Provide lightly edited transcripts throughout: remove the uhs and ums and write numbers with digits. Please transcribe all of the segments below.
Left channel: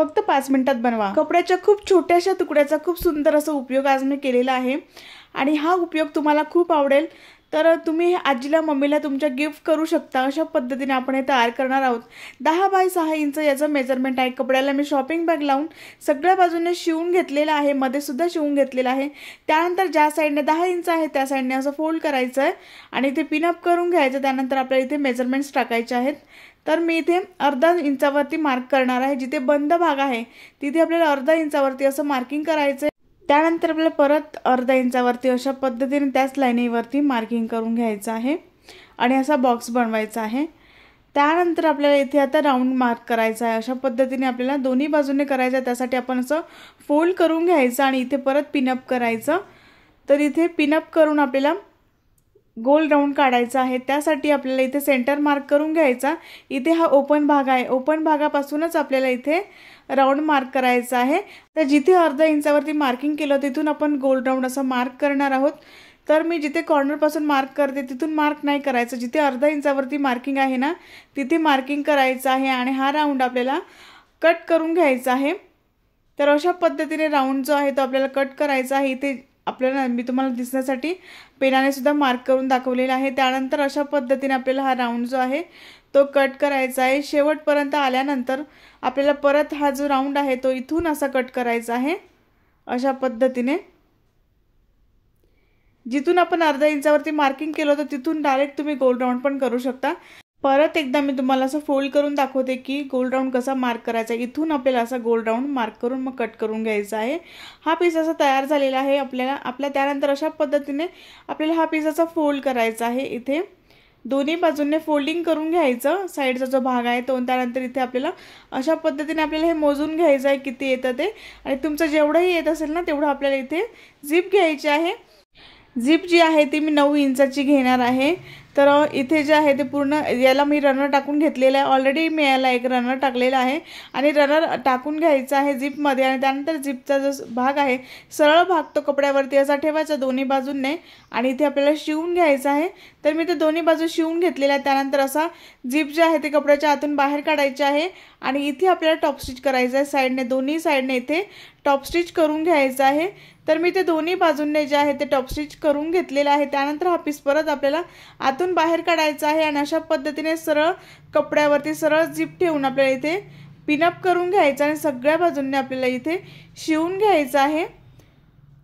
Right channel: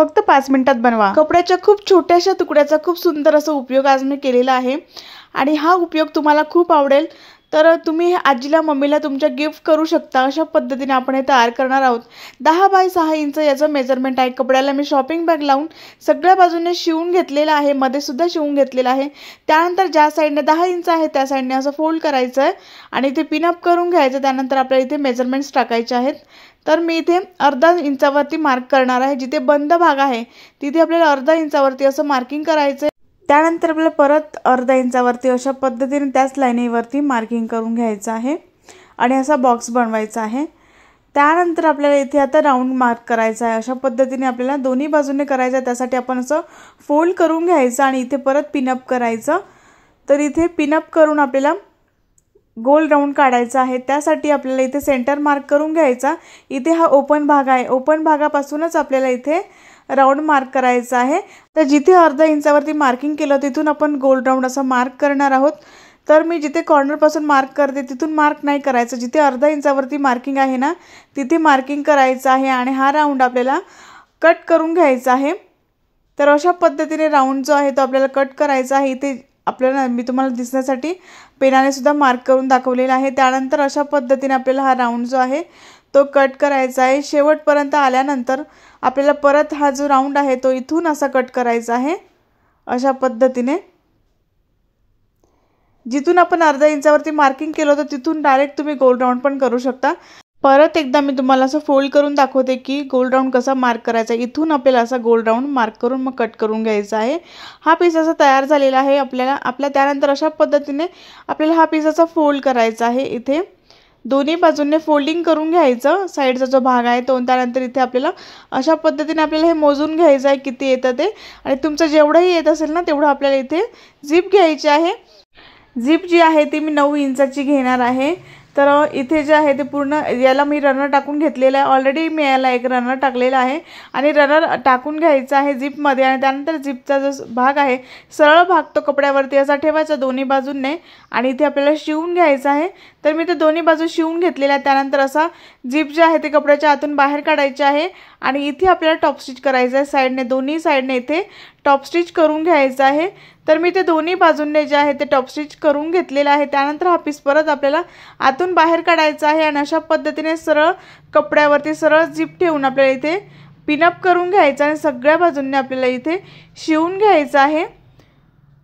फक्त 5 मिनिटात बनवा। कपड्याच्या खूप छोट्याशा तुकड्याचा खूप सुंदर असा उपयोग आज मी केलेला आहे आणि हा उपयोग तुम्हाला खूप आवडेल। तर तुम्ही आजीला मम्मीला तुमच्या गिफ्ट करू शकता। अशा पद्धतीने आपण हे तयार करणार आहोत। 10 बाय 6 इंच याचं मेजरमेंट आहे। कपड्याला मी शॉपिंग बॅग लावून सगळ्या बाजूने शिवून घेतलेला आहे, मध्ये सुद्धा शिवून घेतलेला आहे। त्यानंतर ज्या साइडने 10 इंच आहे त्या साइडने असं फोल्ड करायचं आहे आणि इथे पिन अप करून घ्यायचं। त्यानंतर आपल्याला इथे मेजरमेंट्स टाकायचे आहेत। तर मी इथे अर्धा इंचावरती मार्क करणार आहे। जिथे बंद भाग आहे तिथे आपल्याला अर्धा इंचावरती असं मार्किंग करायचं। त्यानंतर आपल्याला परत अर्धा इंचावरती अशा पद्धतीने त्याच लाईनीवरती मार्किंग करून घ्यायचं आहे आणि असा बॉक्स बनवायचा आहे। त्यानंतर आपल्याला इथे आता राऊंड मार्क करायचा आहे। अशा पद्धतीने आपल्याला दोन्ही बाजूने करायचं आहे। त्यासाठी आपण असं फोल्ड करून घ्यायचं आणि इथे परत पिन अप करायचं। तर इथे पिन अप करून आपल्याला गोल राऊंड काढायचा आहे। त्यासाठी आपल्याला इथे सेंटर मार्क करून घ्यायचा। इथे हा ओपन भाग आहे, ओपन भागापासूनच आपल्याला इथे राऊंड मार्क करायचा आहे। तर जिथे अर्धा इंचावरती मार्किंग केलं तिथून आपण गोल राऊंड असं मार्क करणार आहोत। तर मी जिथे कॉर्नर पासून मार्क करते तिथून मार्क नाही करायचं, जिथे अर्धा इंचावरती मार्किंग आहे ना तिथे मार्किंग करायचं आहे आणि हा राऊंड आपल्याला कट करून घ्यायचा आहे। तर अशा पद्धतीने राऊंड जो आहे तो आपल्याला कट करायचा आहे। इथे आपल्याला मी तुम्हाला दिसण्यासाठी पेनाने सुद्धा मार्क करून दाखवलेला आहे। त्यानंतर अशा पद्धतीने आपल्याला हा राऊंड जो आहे तो कट करायचा आहे। शेवटपर्यंत आल्यानंतर आपल्याला परत हा जो राऊंड आहे तो इथून असा कट करायचा आहे। अशा पद्धतीने जिथून आपण अर्धा इंचावरती मार्किंग केलं होतं तिथून डायरेक्ट तुम्ही गोल राऊंड पण करू शकता। परत एकदा मी तुम्हाला असं फोल्ड करून दाखवते की गोल राऊंड कसा मार्क करायचा। इथून आपल्याला असा गोल राऊंड मार्क करून मग कट करून घ्यायचा आहे। हा पीस असा तयार झालेला आहे आपल्या त्यानंतर अशा पद्धतीने आपल्याला हा पीस असा फोल्ड करायचा आहे। इथे दोन्ही बाजूंनी फोल्डिंग करून घ्यायचं साइडचा जो भाग आहे तो। त्यानंतर इथे आपल्याला अशा पद्धतीने आपल्याला हे मोजून घ्यायचं आहे किती येतं ते आणि तुमचं जेवढंही येत असेल ना तेवढं आपल्याला इथे झिप घ्यायची आहे। झिप जी आहे ती मी 9 इंचाची घेणार आहे। तर इथे जे आहे ते पूर्ण याला मी रनर टाकून घेतलेला आहे। ऑलरेडी मी याला एक रनर टाकलेला आहे आणि रनर टाकून घ्यायचा आहे झिपमध्ये आणि त्यानंतर झिपचा जो भाग आहे सरळ भाग तो कपड्यावरती असा ठेवायचा दोन्ही बाजूंनी आणि इथे आपल्याला शिवून घ्यायचा आहे। तर मी ते दोन्ही बाजू शिवून घेतलेला आहे। त्यानंतर असा झिप जे आहे ते कपड्याच्या आतून बाहेर काढायचे आहे आणि इथे आपल्याला टॉप स्टिच करायचं आहे। साइडने दोन्ही साइडने इथे टॉप स्टिच करून घ्यायचं आहे। तर मी ते दोन्ही बाजूंनी जे आहे ते टॉप स्टिच करून घेतलेला आहे। त्यानंतर हा पीस परत आपल्याला आतून बाहेर काढायचा आहे आणि अशा पद्धतीने सरळ कपड्यावरती सरळ झिप ठेवून आपल्याला इथे पिन अप करून घ्यायचं आणि सगळ्या बाजूंनी आपल्याला इथे शिवून घ्यायचं आहे।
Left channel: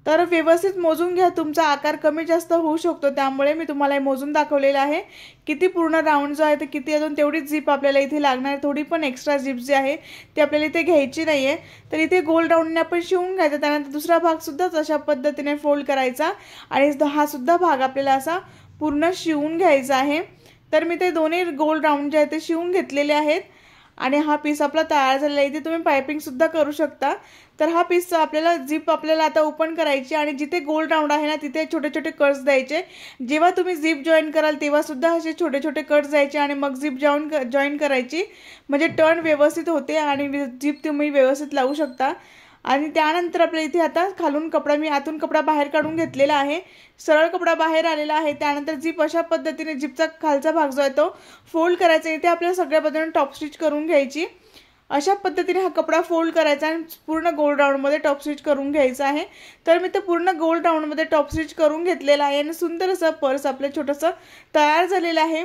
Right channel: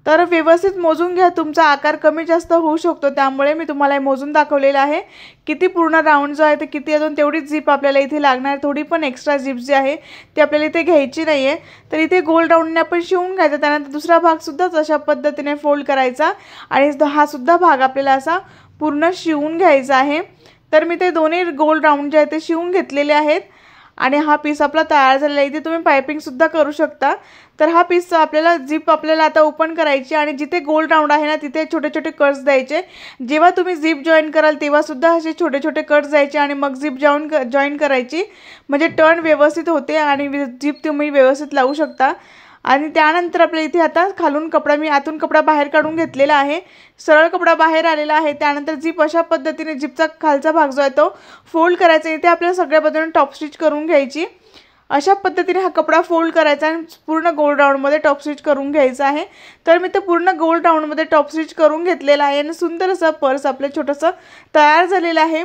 तर व्यवस्थित मोजून घ्या, तुमचा आकार कमी जास्त होऊ शकतो त्यामुळे मी तुम्हाला हे मोजून दाखवलेलं आहे। किती पूर्ण राऊंड जो आहे ते किती अजून तेवढीच झिप आपल्याला इथे लागणार, थोडी पण एक्स्ट्रा झिप जी आहे ती आपल्याला इथे घ्यायची नाहीये। तर इथे गोल राऊंडने आपण शिवून घ्यायचा। त्यानंतर दुसरा भाग सुद्धा अशा पद्धतीने फोल्ड करायचा आणि हा सुद्धा भाग आपल्याला असा पूर्ण शिवून घ्यायचा आहे। तर मी ते दोन्ही गोल राऊंड जे आहे ते शिवून घेतलेले आहेत आणि हा पीस आपला तयार झालेला आहे। इथे तुम्ही पाइपिंग सुद्धा करू शकता। तर हा पीस आपल्याला झिप आपल्याला आता ओपन करायची आणि जिथे गोल राऊंड आहे ना तिथे छोटे छोटे कट्स द्यायचे। जेव्हा तुम्ही झिप जॉईन कराल तेव्हा सुद्धा असे छोटे छोटे कट्स द्यायचे आणि मग झिप जॉईन करायची, म्हणजे टर्न व्यवस्थित होते आणि झिप तुम्ही व्यवस्थित लावू शकता। आणि त्यानंतर आपल्याला इथे आता खालून कपडा मी आतून कपडा बाहेर काढून घेतलेला आहे, सरळ कपडा बाहेर आलेला आहे। त्यानंतर झिप अशा पद्धतीने झिपचा खालचा भाग जो आहे तो फोल्ड करायचा। इथे आपल्याला सगळ्या बाजूने टॉप स्टिच करून घ्यायची। अशा पद्धतीने हा कपडा फोल्ड करायचा आणि पूर्ण गोल राऊंड मध्ये टॉप स्टिच करून घ्यायचा आहे। तर मी ते पूर्ण गोल राऊंड मध्ये टॉप स्टिच करून घेतलेला आहे आणि सुंदर असं पर्स आपलं छोटंसं तयार झालेलं आहे।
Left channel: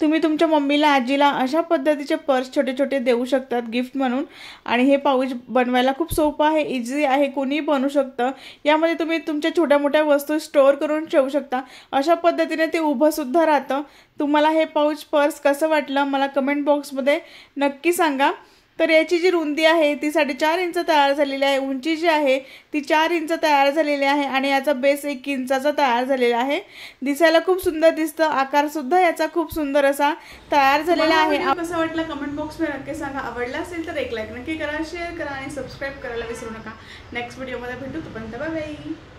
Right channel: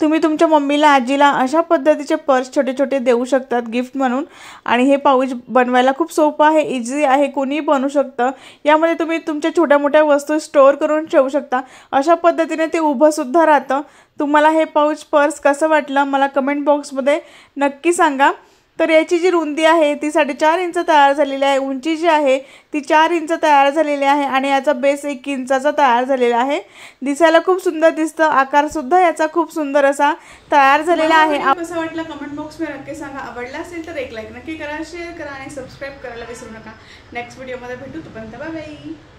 तुम्ही तुमच्या मम्मीला आजीला अशा पद्धतीचे पर्स छोटे छोटे देऊ शकतात गिफ्ट म्हणून। आणि हे पाऊच बनवायला खूप सोपं आहे, इझी आहे, कोणीही बनवू शकतं। यामध्ये तुम्ही तुमच्या छोट्या मोठ्या वस्तू स्टोअर करून ठेवू शकता। अशा पद्धतीने ते उभं सुद्धा राहतं। तुम्हाला हे पाऊच पर्स कसं वाटलं मला कमेंट बॉक्समध्ये नक्की सांगा। तर याची जी रुंदी आहे ती 4.5 इंच तयार झालेली आहे, उंची जी आहे ती 4 इंच तयार झालेली आहे आणि याचा बेस 1 इंचाचा तयार झालेला आहे। दिसायला खूप सुंदर दिसतं, आकार सुद्धा याचा खूप सुंदर असा तयार झालेला आहे। कसं वाटलं कमेंट बॉक्स मध्ये नक्की सांगा। आवडला असेल तर एक लाईक नक्की करा, शेअर करा आणि सबस्क्राइब करायला विसरू नका। नेक्स्ट व्हिडिओ मध्ये भेटू, तोपर्यंत बाय बाय।